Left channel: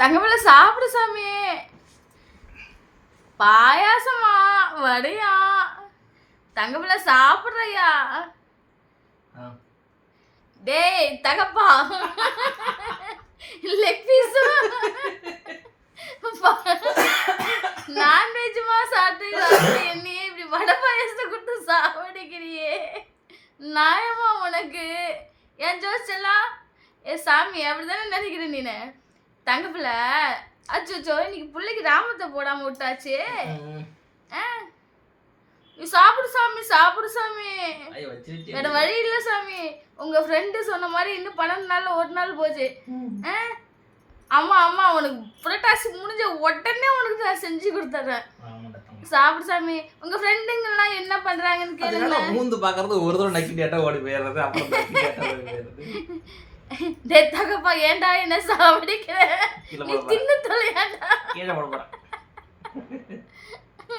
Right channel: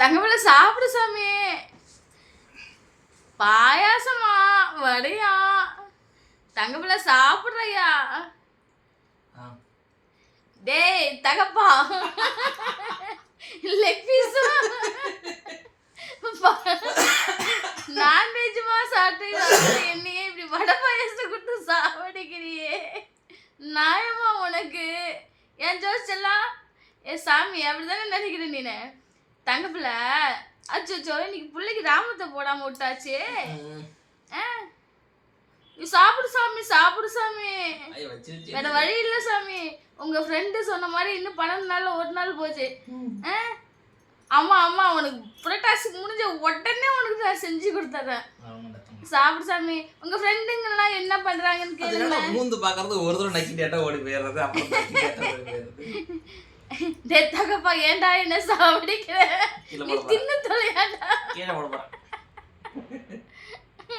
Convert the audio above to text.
தங்கப்பிள்ள சாப்பிடு சாமி. பாயாசமா வடையா? தங்கப்பிள்ள சாப்பிடுறையா? டேய் தகப்பா, லெக் பீஸ் நான்வெஜ்மா சாப்பிட்டு என்னையே இப்படி வடை பாயாசத்தை கொடுத்து சாப்பிடுக்கிறியே, நியாயமா உனக்கு? என் ஜோசிச்செல்லாம் சாமி அப்படிதானே நினைக்கிறேன் நீனு. தங்கப்பிள்ள அச்சோ இன்னைக்கு பிள்ளைக்கு ராமத்தை போடாம விட்டாச்சு. சாப்பிடு சாமி, சாப்பிடு சாமி, வேற வழி இல்ல சாமி. உங்க ஃப்ரெண்டு சொன்ன மாதிரி இன்னும் 12 நாள்ல ஒரு நாள் போச்சு. அம்மா அம்மா உனக்கு புரட்டாசி முடிஞ்ச உடனே உனக்கு நான் செஞ்சு கொடுத்துறேன். சாப்பிடு சாமி. உங்க ஃப்ரெண்டுங்கெல்லாம் என்ன பண்றாங்கன்னு கேளுங்க. மூந்து பாக்குறது ஒரு தடவை நக்கி கேட்டா ஓடி போயிடுறது. தகப்பா ஏன்டா என்ன சாப்பிடிக்கிற? நீ தின்னு தொலையாடா.